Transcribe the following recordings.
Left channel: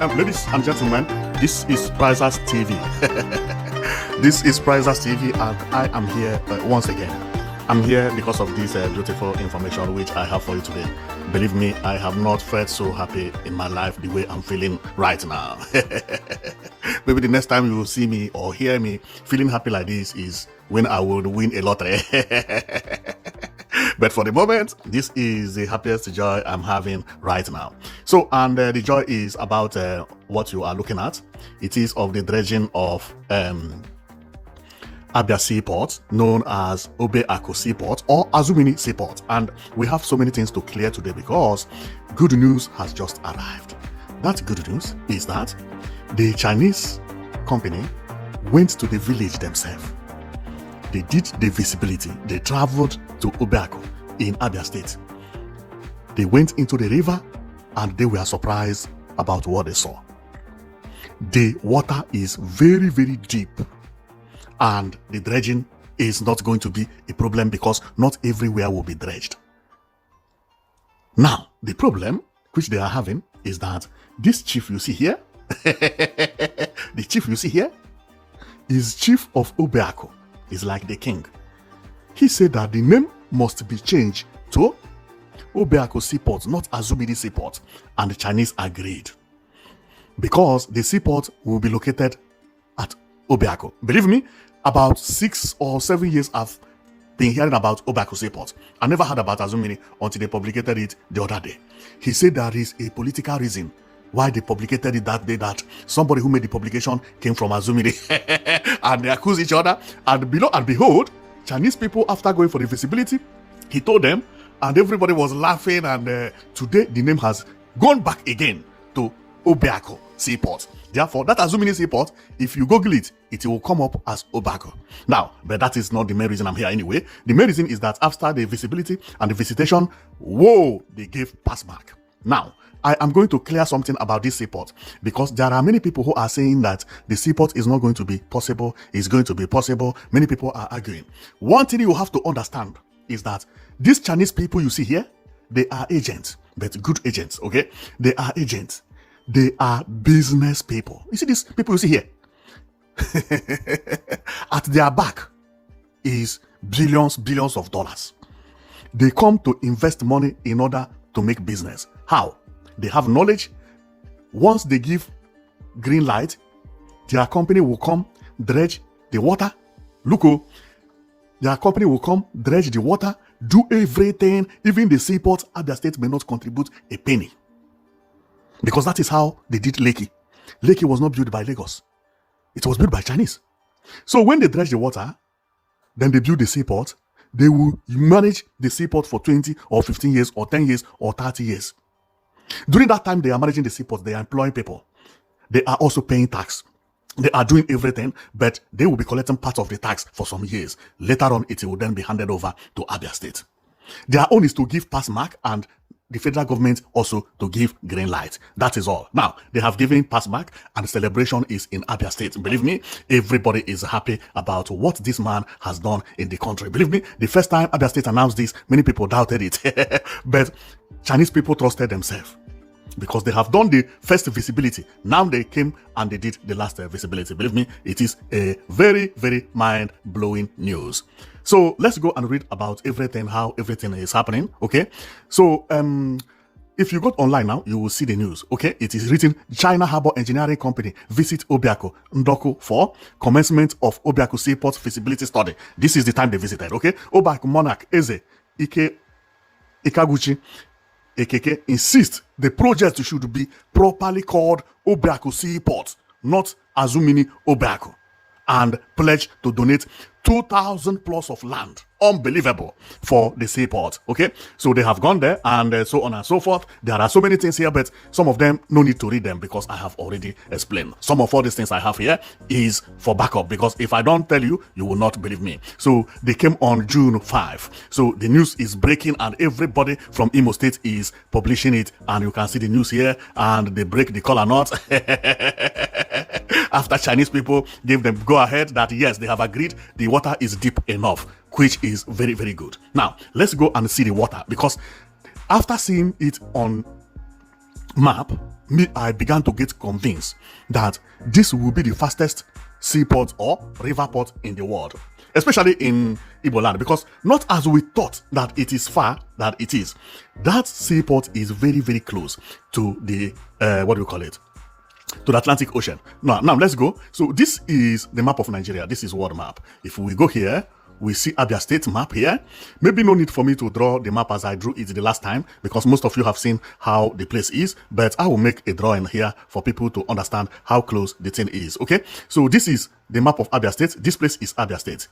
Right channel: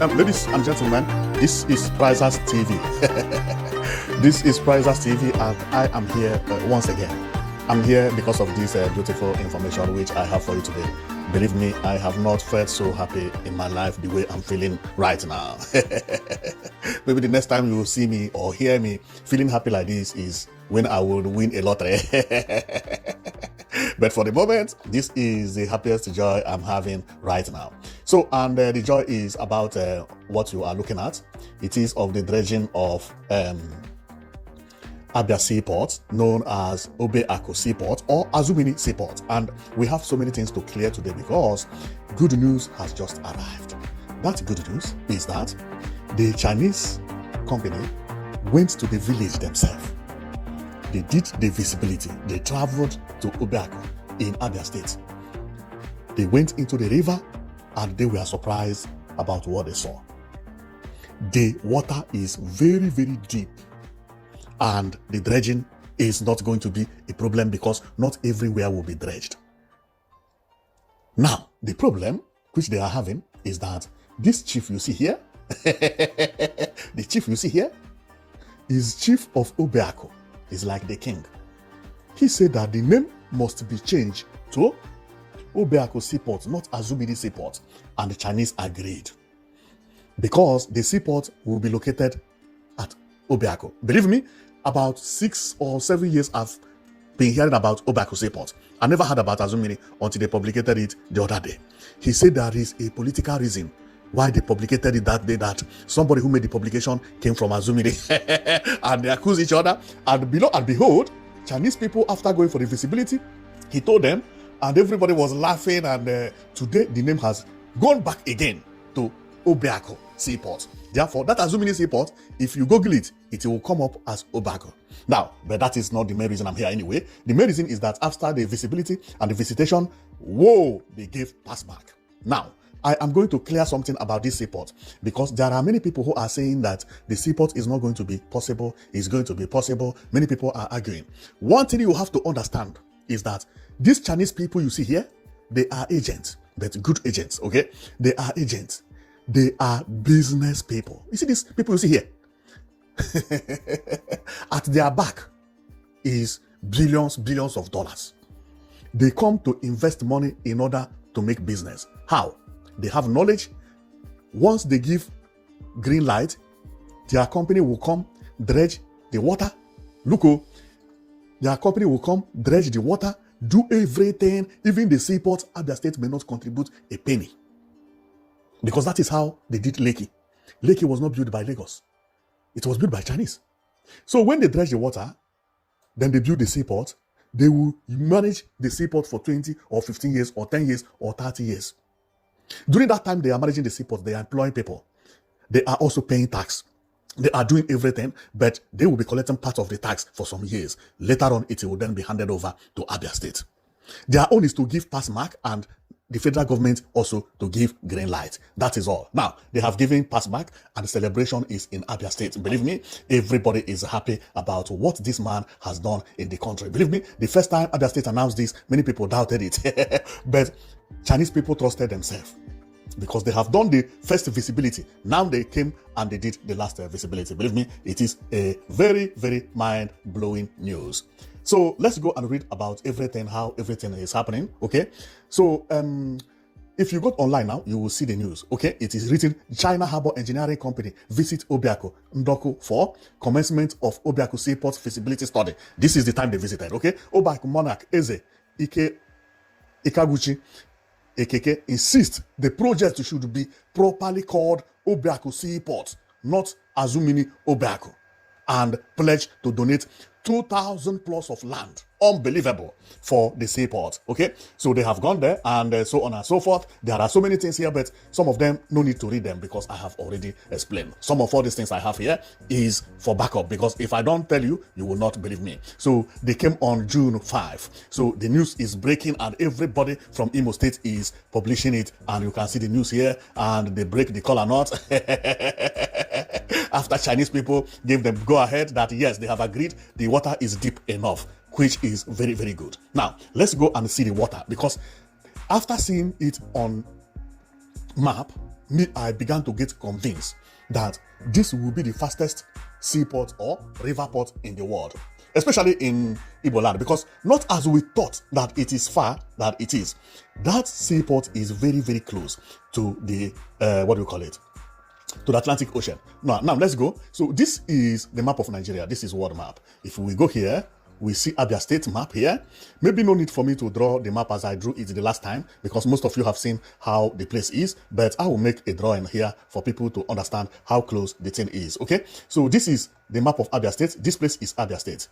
Ladies and gentlemen, this is Prizers TV. This is Prizers TV, and I am here once again. I'm here because of this beautiful information which I have for you today. Believe me, I have not felt so happy in my life the way I'm feeling right now. Maybe the next time you will see me or hear me feeling happy like this is when I will win a lottery. But for the moment, this is the happiest joy I'm having right now. So, and the joy is about what you are looking at. It is of the dredging of Abia Seaport, known as Obeaku Seaport or Azumini Seaport. And we have so many things to clear today because good news has just arrived. That good news is that the Chinese company went to the village themselves. They did the visibility. They traveled to Obeaku in Abia State. They went into the river and they were surprised about what they saw. The water is very, very deep. And the dredging is not going to be a problem because not everywhere will be dredged. Now, the problem which they are having is that this chief you see here, the chief you see here is chief of Obeaku. He's like the king. He said that the name must be changed to Obeaku Seaport, not Azumini Seaport. And the Chinese agreed because the seaport will be located at Obeaku. Believe me, about 6 or 7 years I've been hearing about Obeaku Seaport. I never heard about Azumini until they publicated it the other day. He said there is a political reason why they publicated it that day, that somebody who made the publication came from Azumini. And they accuse each other. And below and behold, Chinese people, after going for the visibility, he told them, and everybody was laughing. And today the name has gone back again to Obeaku Seaport. Therefore, that Azumini Seaport, if you Google it, it will come up as Obeaku. Now, but that is not the main reason I'm here anyway. The main reason is that after the visibility and the visitation, whoa, they gave pass back. Now, I am going to clear something about this seaport because there are many people who are saying that the seaport is not going to be possible, it's going to be possible. Many people are arguing. One thing you have to understand is that these Chinese people you see here, they are agents, but good agents, okay? They are agents. They are business people. You see these people you see here? At their back is billions of dollars. They come to invest money in order to make business. How? They have knowledge. Once they give green light, their company will come dredge the water. Look, their company will come dredge the water, do everything. Even the seaport at their state may not contribute a penny. Because that is how they did Lekki. Lekki was not built by Lagos. It was built by Chinese. So when they dredge the water, then they build the seaport, they will manage the seaport for 20 or 15 years or 10 years or 30 years. During that time, they are managing the seaport, they are employing people. They are also paying tax. They are doing everything, but they will be collecting part of the tax for some years. Later on, it will then be handed over to Abia State. Their own is to give pass mark and the federal government also to give green light. That is all. Now, they have given pass mark and the celebration is in Abia State. Believe me, everybody is happy about what this man has done in the country. Believe me, the first time Abia State announced this, many people doubted it. But Chinese people trusted themselves because they have done the first visibility. Now they came and they did the last visibility. Believe me, it is a very, very mind-blowing news. So let's go and read about everything, how everything is happening, okay? So if you go online now, you will see the news, okay? It is written, China Harbor Engineering Company visit Obeaku Ndoku for commencement of Obeaku Seaport feasibility study. This is the time they visited, okay? Obeaku Monarch Eze Ikaguchi Ekeke insists the project should be properly called Obeaku Seaport, not Azumini Obeaku, and pledge to donate 2,000 plus of land. Unbelievable for the seaport. Okay, so they have gone there and so on and so forth. There are so many things here, but some of them no need to read them because I have already explained. Some of all these things I have here is for backup because if I don't tell you, you will not believe me. So they came on June 5. So the news is breaking and everybody from Imo State is publishing it, and you can see the news here and they break the color knot. After Chinese people gave them go ahead that yes, they have agreed the water is deep enough, which is very, very good. Now, let's go and see the water because after seeing it on map, I began to get convinced that this will be the fastest seaport or river port in the world, especially in Igbo land, because not as we thought that it is far, that it is. That seaport is very, very close to the, what do we call it? To the Atlantic Ocean. Now let's go. So this is the map of Nigeria. This is world map. If we go here, we see Abia State map here. Maybe no need for me to draw the map as I drew it the last time, because most of you have seen how the place is, but I will make a drawing here for people to understand how close the thing is. Okay, so this is the map of Abia State. This place is Abia State,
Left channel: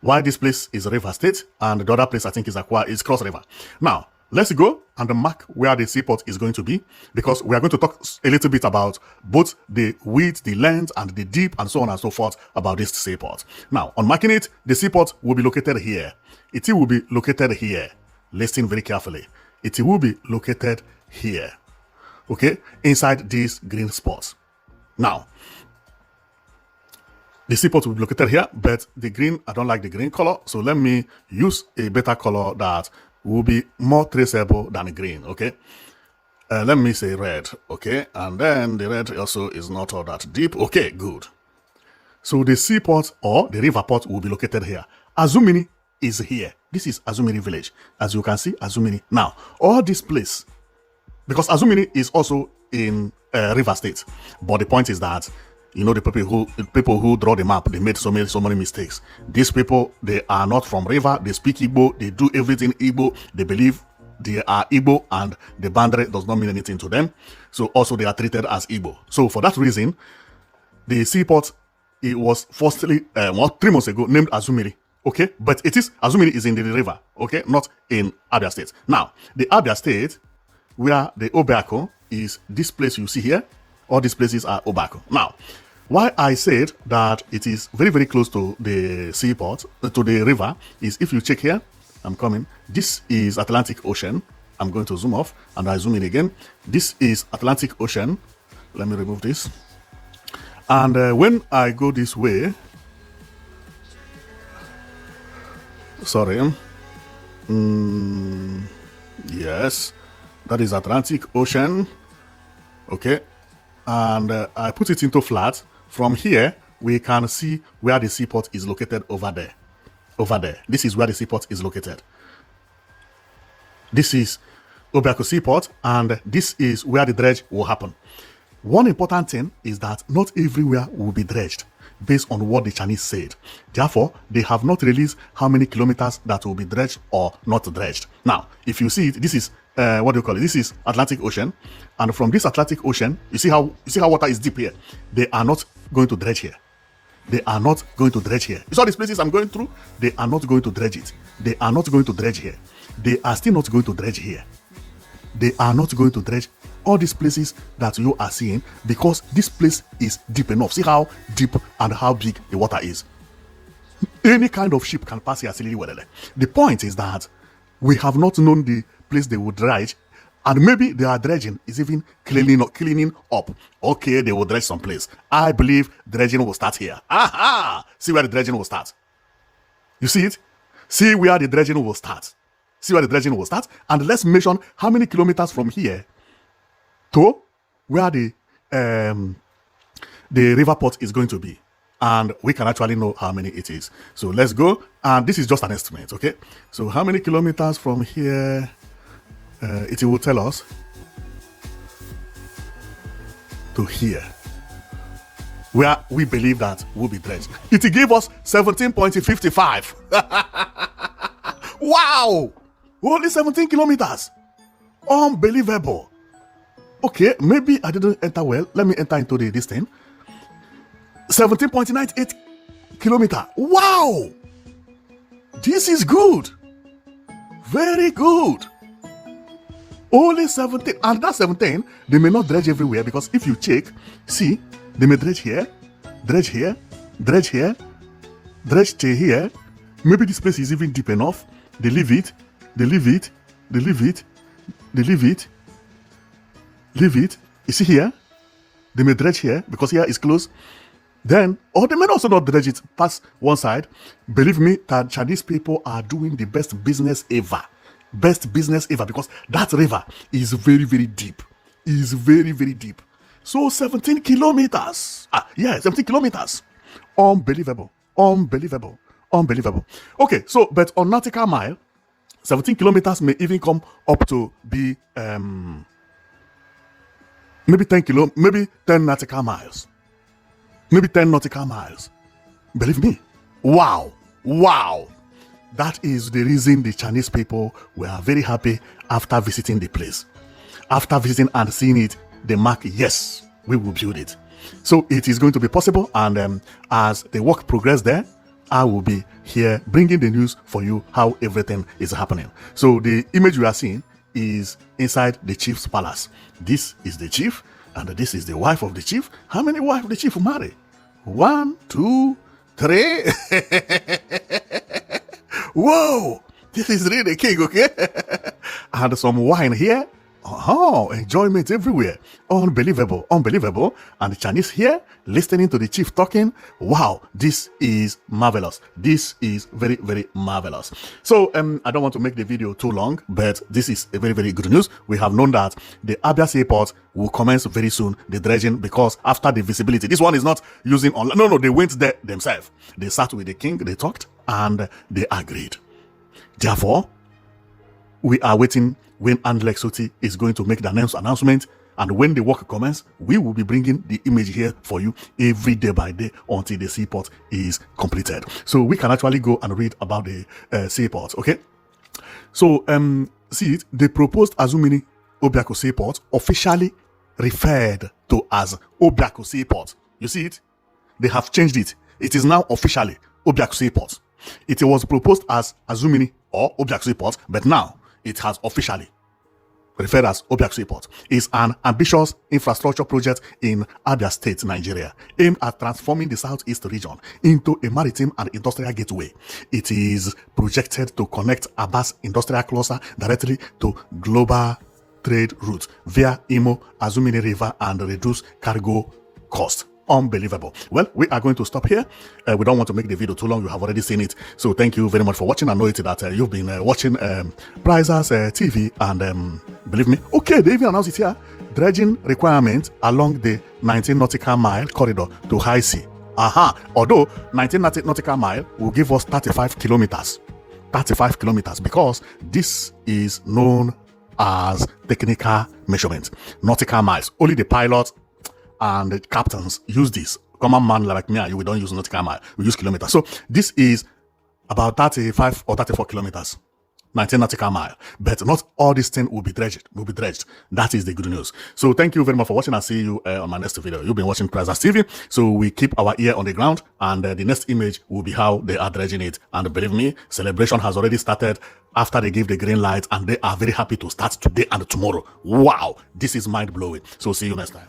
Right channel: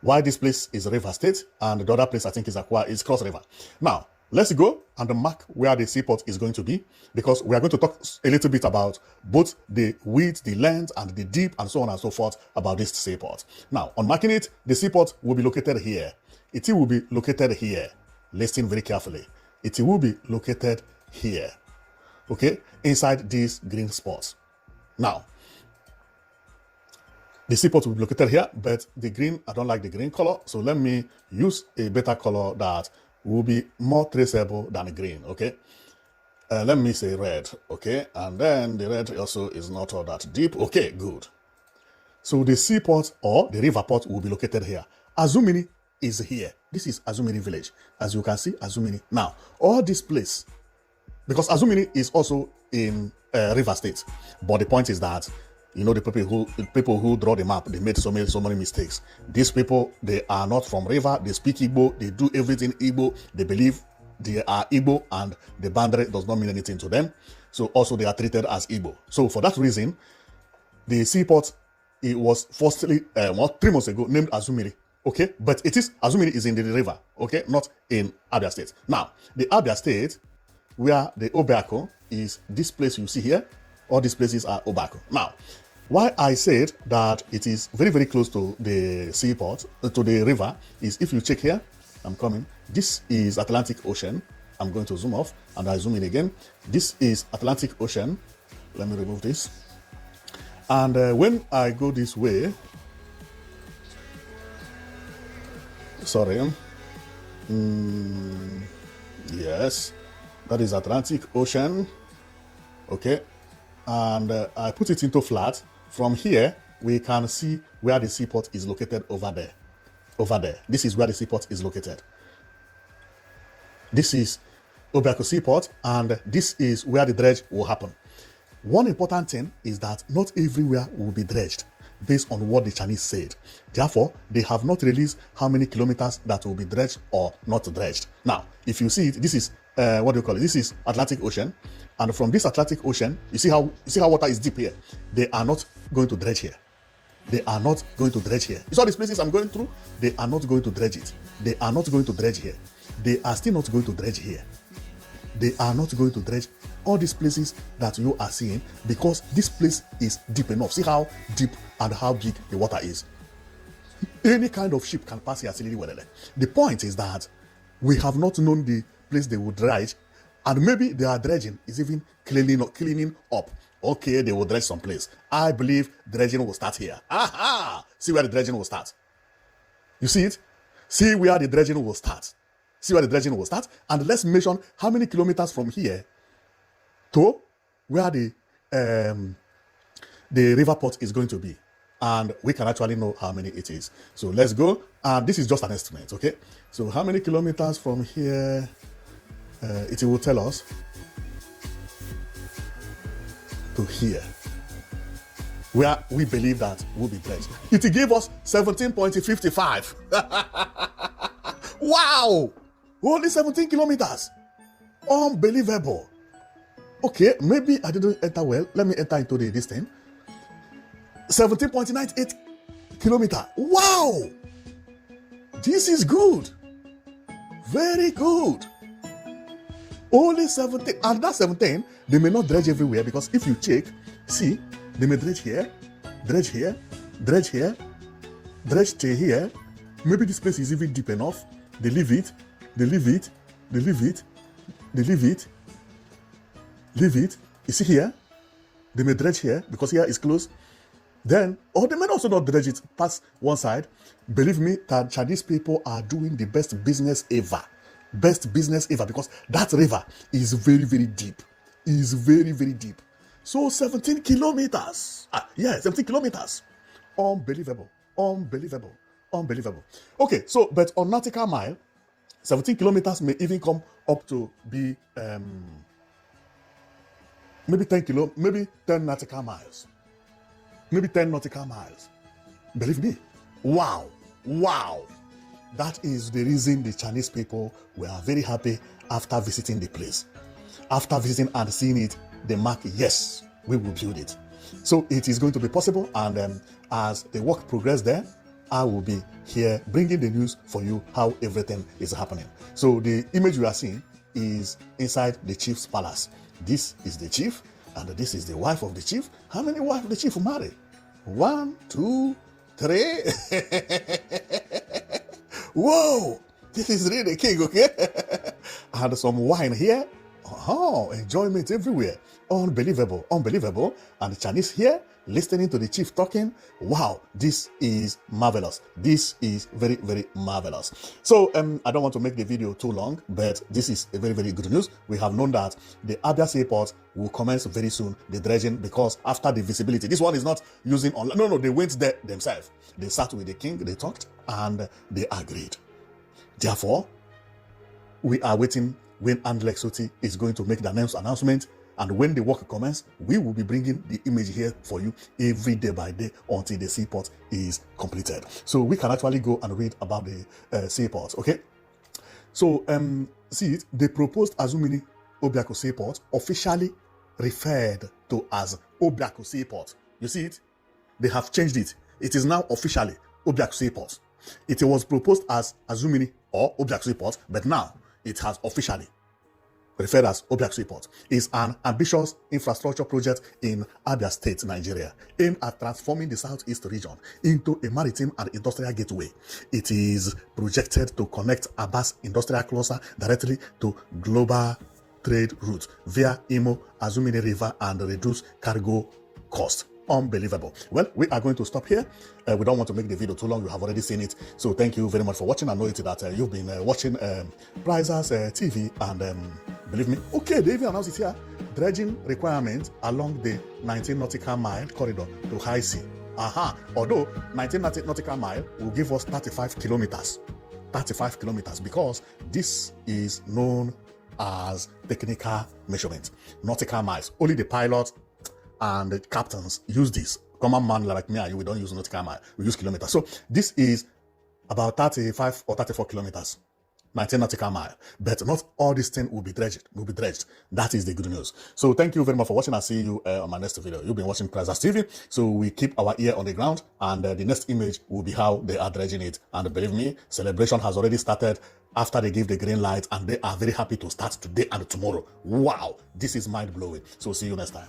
while this place is River State, and the other place I think is Cross River. Now let's go and mark where the seaport is going to be, because we are going to talk a little bit about both the width, the length, and the deep, and so on and so forth about this seaport. Now, on marking it, the seaport will be located here. It will be located here. Listen very carefully. It will be located here. Okay? Inside these green spots. Now, the seaport will be located here, but the green, I don't like the green color, so let me use a better color that will be more traceable than the green. Okay, let me say red. Okay, and then the red also is not all that deep. Okay, good. So the seaport or the river port will be located here. Azumini is here. This is Azumini village, as you can see. Azumini. Now all this place, because Azumini is also in River State, but the point is that, you know, the people who draw the map, they made so many mistakes. These people, they are not from river. They speak Igbo. They do everything Igbo. They believe they are Igbo, and the boundary does not mean anything to them. So also they are treated as Igbo. So for that reason, the seaport, it was firstly 3 months ago named Azumiri. Okay, but it is Azumiri is in the river. Okay, not in Abia State. Now the Abia State, where the Obeaku is, this place you see here. All these places are Obeaku. Now, why I said that it is very, very close to the seaport, to the river, is if you check here, I'm coming. This is Atlantic Ocean. I'm going to zoom off and I zoom in again. This is Atlantic Ocean. Let me remove this. And when I go this way, sorry, yes, that is Atlantic Ocean. Okay. And I put it into flat. From here, we can see where the seaport is located over there. Over there. This is where the seaport is located. This is Obeaku Seaport, and this is where the dredge will happen. One important thing is that not everywhere will be dredged, based on what the Chinese said. Therefore, they have not released how many kilometers that will be dredged or not dredged. Now, if you see it, this is what do you call it? This is Atlantic Ocean, and from this Atlantic Ocean, you see how water is deep here. They are not going to dredge here. They are not going to dredge here. You saw these places I'm going through? They are not going to dredge it. They are not going to dredge here. They are still not going to dredge here. They are not going to dredge all these places that you are seeing, because this place is deep enough. See how deep and how big the water is. Any kind of ship can pass here silly well. The point is that we have not known the place they would dredge, and maybe they are dredging is even cleaning up. Okay, they will dredge someplace. I believe dredging will start here. Aha! See where the dredging will start. You see it? See where the dredging will start. See where the dredging will start, and let's measure how many kilometers from here to where the river port is going to be, and we can actually know how many it is. So let's go, and this is just an estimate. Okay, so how many kilometers from here? It will tell us to here, where we believe that will be dredged. It will give us 17.55. Wow! Only 17 kilometers. Unbelievable. Okay, maybe I didn't enter well. Let me enter into this thing. 17.98 kilometer. Wow! This is good. Very good. Only 17. And that 17, they may not dredge everywhere, because if you check, see, they may dredge here, dredge here, dredge here, dredge to here. Maybe this place is even deep enough. They leave it, they leave it, they leave it, they leave it, leave it. You see here, they may dredge here because here is close. Then, or they may also not dredge it past one side. Believe me, that Chinese people are doing the best business ever. Best business ever, because that river is very, very deep. is very, very deep. So 17 kilometers. Yeah, 17 kilometers. Unbelievable. Unbelievable. Unbelievable. Okay, so but on nautical mile, 17 kilometers may even come up to be maybe 10 nautical miles. Maybe 10 nautical miles. Believe me. Wow. Wow. That is the reason the Chinese people were very happy after visiting the place. After visiting and seeing it, they mark, yes, we will build it. So it is going to be possible, and as the work progresses there, I will be here bringing the news for you how everything is happening. So the image you are seeing is inside the chief's palace. This is the chief, and this is the wife of the chief. How many wives the chief will marry? 1, 2, 3. Whoa, this is really the king, okay? And some wine here. Oh, enjoyment everywhere. Unbelievable, unbelievable. And the Chinese here, listening to the chief talking. Wow, this is marvelous. This is very, very marvelous. So, I don't want to make the video too long, but this is a very, very good news. We have known that the Abia Seaport will commence very soon, the dredging, because after the visibility, this one is not using online. No, they went there themselves. They sat with the king, they talked, and they agreed. Therefore, we are waiting when Andlex Soti is going to make the announcement, and when the work commences, we will be bringing the image here for you every day by day until the seaport is completed. So we can actually go and read about the seaport, okay? So, see it, the proposed Azumini Obeaku Seaport officially referred to as Obeaku Seaport. You see it? They have changed it. It is now officially Obeaku Seaport. It was proposed as Azumini or Obeaku Seaport, but now it has officially referred as Obeaku Seaport. It's an ambitious infrastructure project in Abia State, Nigeria, aimed at transforming the southeast region into a maritime and industrial gateway. It is projected to connect Aba's industrial cluster directly to global trade routes via Imo, Azumini River, and reduce cargo cost. Unbelievable. Well, we are going to stop here. We don't want to make the video too long. You have already seen it. So thank you very much for watching. I know it that you've been watching Prizers TV, and believe me, okay, they even announced it here. Dredging requirement along the 19 nautical mile corridor to high sea. Although 19 nautical mile will give us 35 kilometers. 35 kilometers, because this is known as technical measurement. Nautical miles. Only the pilots and the captains use this. Common man like me and you, we don't use nautical mile, we use kilometers. So this is about 35 or 34 kilometers, 19 nautical mile. But not all this thing will be dredged. That is the good news. So thank you very much for watching, and see you on my next video. You've been watching Prizers TV. So we keep our ear on the ground, and the next image will be how they are dredging it. And believe me, celebration has already started after they give the green light, and they are very happy to start today and tomorrow. Wow, this is mind-blowing. So see you next time.